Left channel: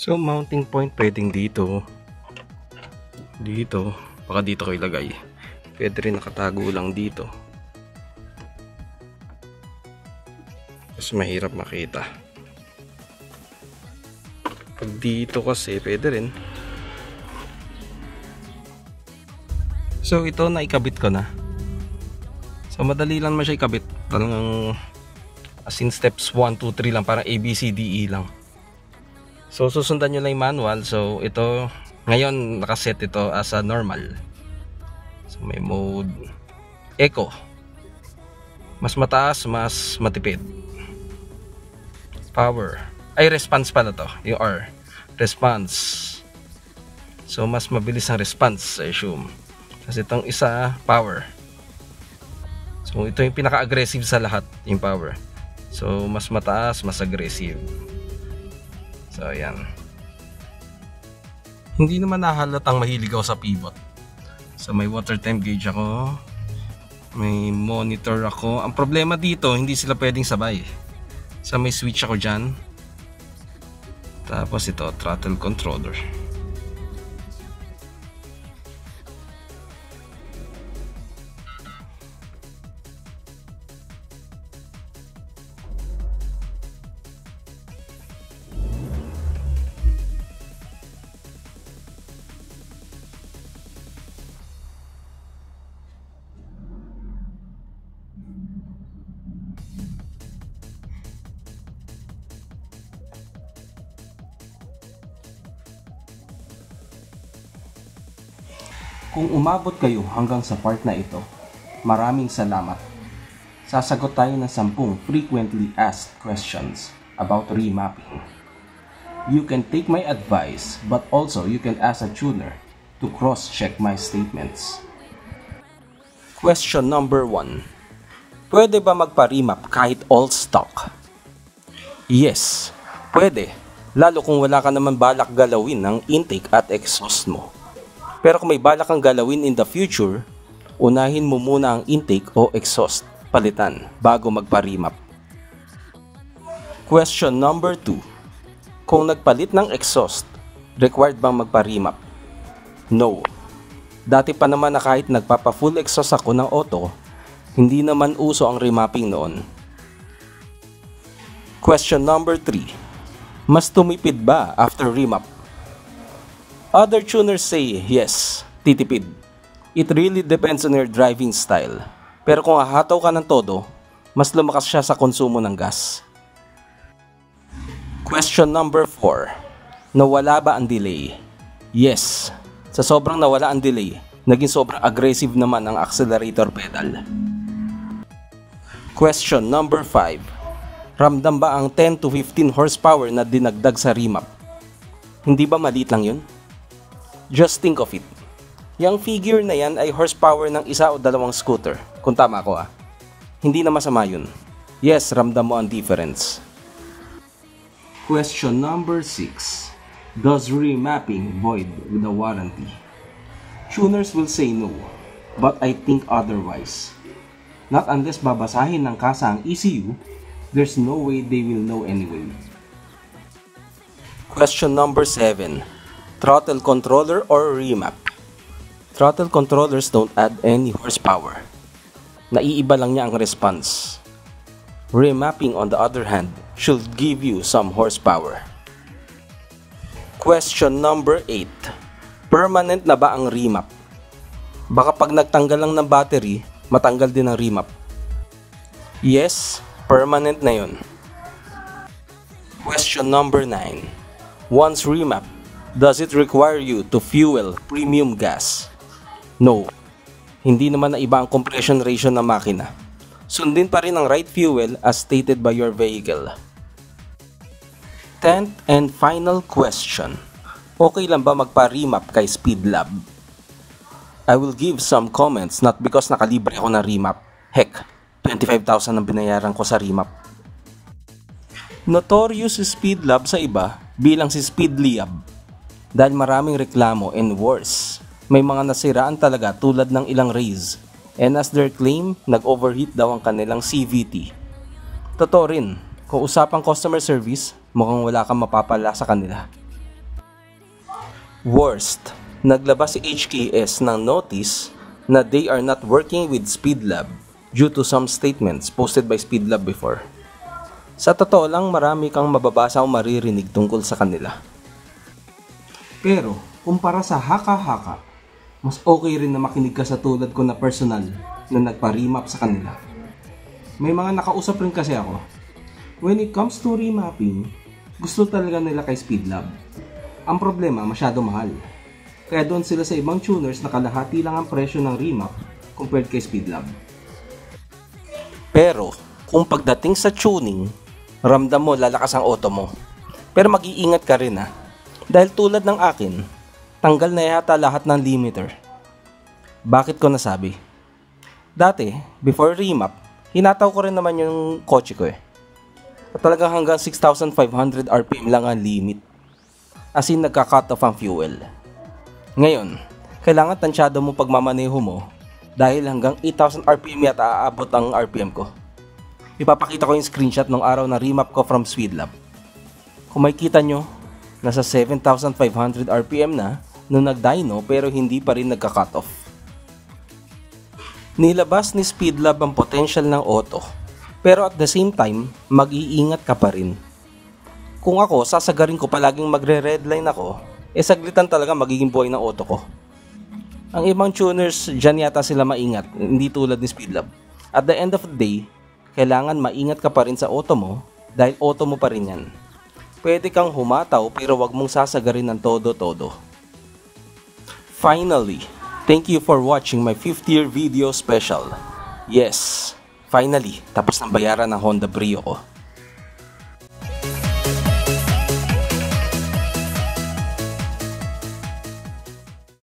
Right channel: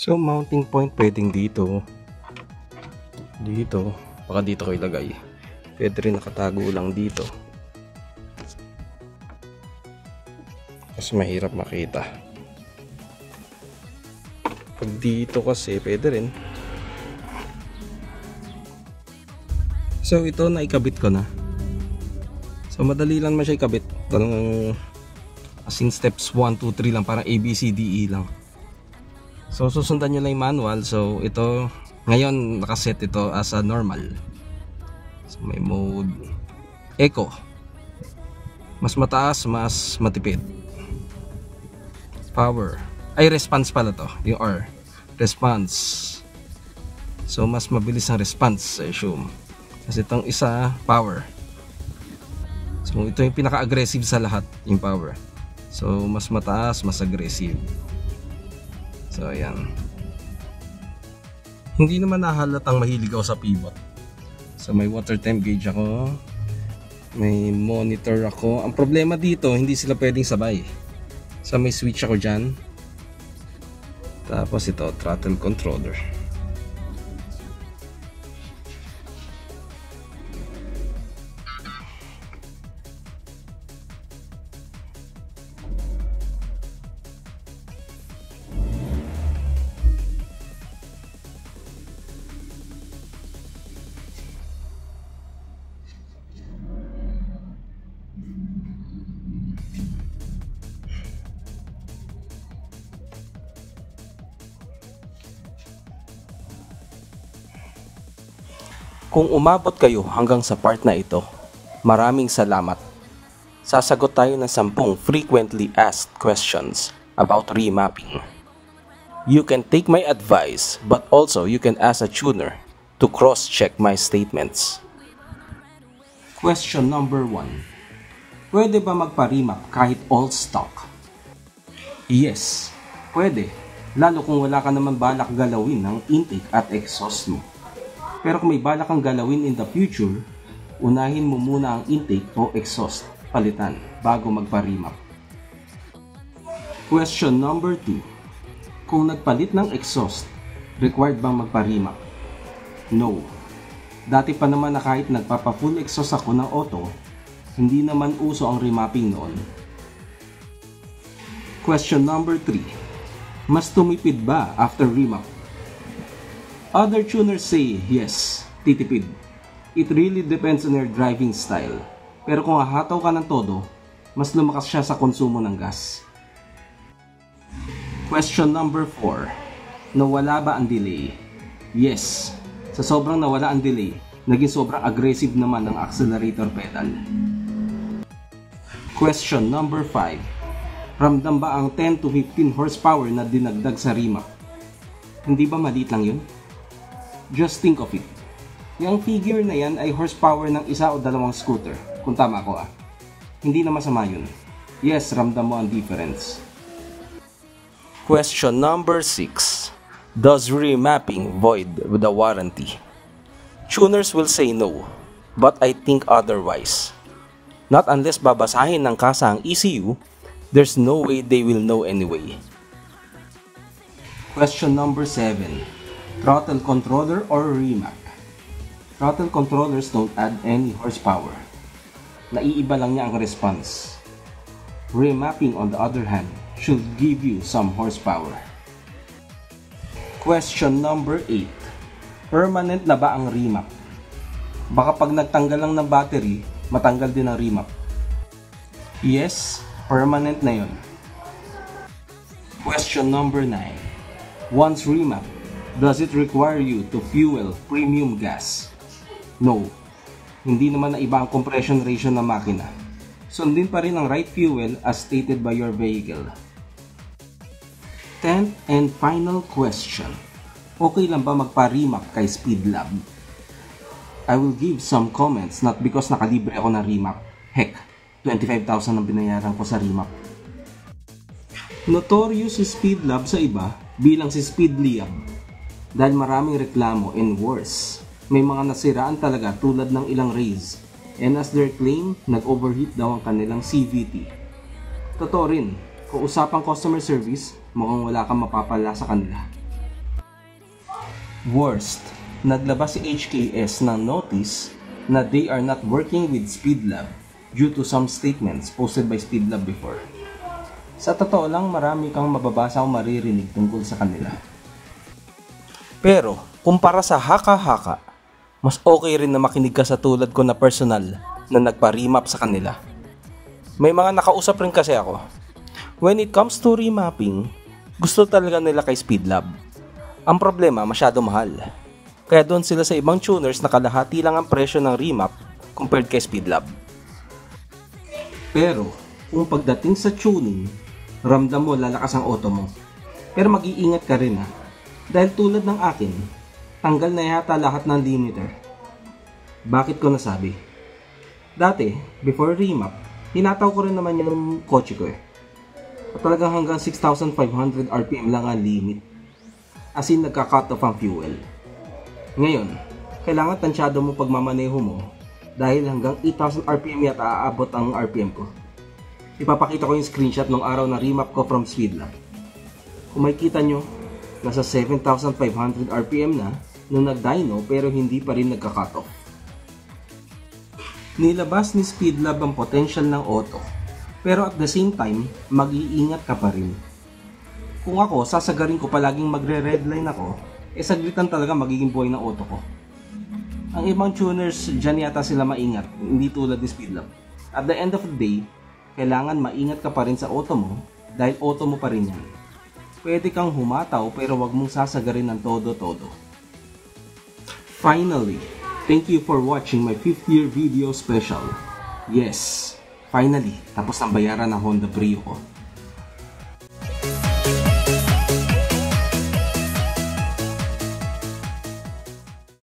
So mounting point pwedeng dito, baka dito ko ilagay. Pwede rin nakatago lang dito, mas mahirap makita. Pag dito kasi pwede rin. So ito na ikabit ko na. So madali lang naman siya ikabit. Talagang as in steps 1, 2, 3 lang, parang A, B, C, D, E lang. So susundan nyo lang yung manual. So ito ngayon nakaset ito as a normal. So may mode eco, mas mataas, mas matipid. Power, ay response pala to, yung R, response. So mas mabilis ang response, I assume. Kasi itong isa power. So ito yung pinaka-aggressive sa lahat, yung power. So mas mataas, mas aggressive. So ayan. Hindi naman nahalatang mahilig ako sa pivot. So may water temp gauge ako, may monitor ako. Ang problema dito, hindi sila pwedeng sabay. So may switch ako dyan. Tapos ito, throttle controller. Kung umabot kayo hanggang sa part na ito, maraming salamat. Sasagot tayo ng 10 frequently asked questions about remapping. You can take my advice, but also you can ask a tuner to cross-check my statements. Question number 1. Pwede ba magpa-remap kahit all stock? Yes, pwede. Lalo kung wala ka naman balak galawin ng intake at exhaust mo. Pero kung may balak kang galawin in the future, unahin mo muna ang intake o exhaust palitan bago magpa-remap. Question number 2. Kung nagpalit ng exhaust, required bang magpa-remap? No. Dati pa naman na kahit nagpapa-full exhaust ako ng auto, hindi naman uso ang remapping noon. Question number 3. Mas tumipid ba after remap? Other tuners say yes, titipid. It really depends on your driving style. Pero kung hahataw ka ng todo, mas lumakas siya sa konsumo ng gas. Question number 4. Nawala ba ang delay? Yes. Sa sobrang nawala ang delay, naging sobrang aggressive naman ang accelerator pedal. Question number 5. Ramdam ba ang 10 to 15 horsepower na dinagdag sa remap? Hindi ba maliit lang yun? Just think of it. Yang figure na yan ay horsepower ng isa o dalawang scooter. Kung tama ko Hindi na masama yun. Yes, ramdam mo ang difference. Question number 6. Does remapping void with a warranty? Tuners will say no, but I think otherwise. Not unless babasahin ng kasa ang ECU, there's no way they will know anyway. Question number 7. Throttle controller or remap? Throttle controllers don't add any horsepower. Naiiba lang niya ang response. Remapping on the other hand should give you some horsepower. Question number 8. Permanent na ba ang remap? Baka pag nagtanggal lang ng battery, matanggal din ang remap. Yes, permanent na yun. Question number 9. Once remap, does it require you to fuel premium gas? No. Hindi naman na iba ang compression ratio ng makina. Sundin pa rin ang right fuel as stated by your vehicle. 10th and final question. Okay lang ba magpa-remap kay Speedlab? I will give some comments not because nakalibre ako ng remap. Heck, 25,000 ang binayaran ko sa remap. Notorious si Speedlab sa iba bilang si Speedliab. Dahil maraming reklamo and worse, may mga nasiraan talaga tulad ng ilang race. And as their claim, nag-overheat daw ang kanilang CVT. Totoo rin, kung usapang customer service, mukhang wala kang mapapala sa kanila. Worst, naglabas si HKS ng notice na they are not working with Speedlab due to some statements posted by Speedlab before. Sa totoo lang, marami kang mababasa o maririnig tungkol sa kanila. Pero, kumpara sa haka-haka, mas okay rin na makinig ka sa tulad ko na personal na nagpa-remap sa kanila. May mga nakausap rin kasi ako. When it comes to remapping, gusto talaga nila kay Speedlab. Ang problema, masyado mahal. Kaya doon sila sa ibang tuners na kalahati lang ang presyo ng remap compared kay Speedlab. Pero, kung pagdating sa tuning, ramdam mo lalakas ang auto mo. Pero mag-iingat ka rin ha. Dahil tulad ng akin, tanggal na yata lahat ng limiter. Bakit ko nasabi? Dati, before remap, hinataw ko rin naman yung kotse ko eh. At talagang hanggang 6,500 RPM lang ang limit. As in, nagka-cut off ang fuel. Ngayon, kailangan tansyado mo pagmamaneho mo dahil hanggang 8,000 RPM yata aabot ang RPM ko. Ipapakita ko yung screenshot ng araw na remap ko from Speedlab. Kung makikita nyo, nasa 7,500 RPM na nung nag-dyno pero hindi pa rin nagka-cut off. Nilabas ni Speedlab ang potential ng auto, pero at the same time, mag-iingat ka pa rin. Kung ako, sasagarin ko palaging magre-redline ako, saglitan talaga magiging buhay ng auto ko. Ang ibang tuners, dyan yata sila maingat, hindi tulad ni Speedlab. At the end of the day, kailangan maingat ka pa rin sa auto mo dahil auto mo pa rin yan. Pwede kang humataw pero wag mong sasagarin ng todo-todo. Finally, thank you for watching my 5th year video special. Yes, finally, tapos ng bayaran ng Honda Brio ko.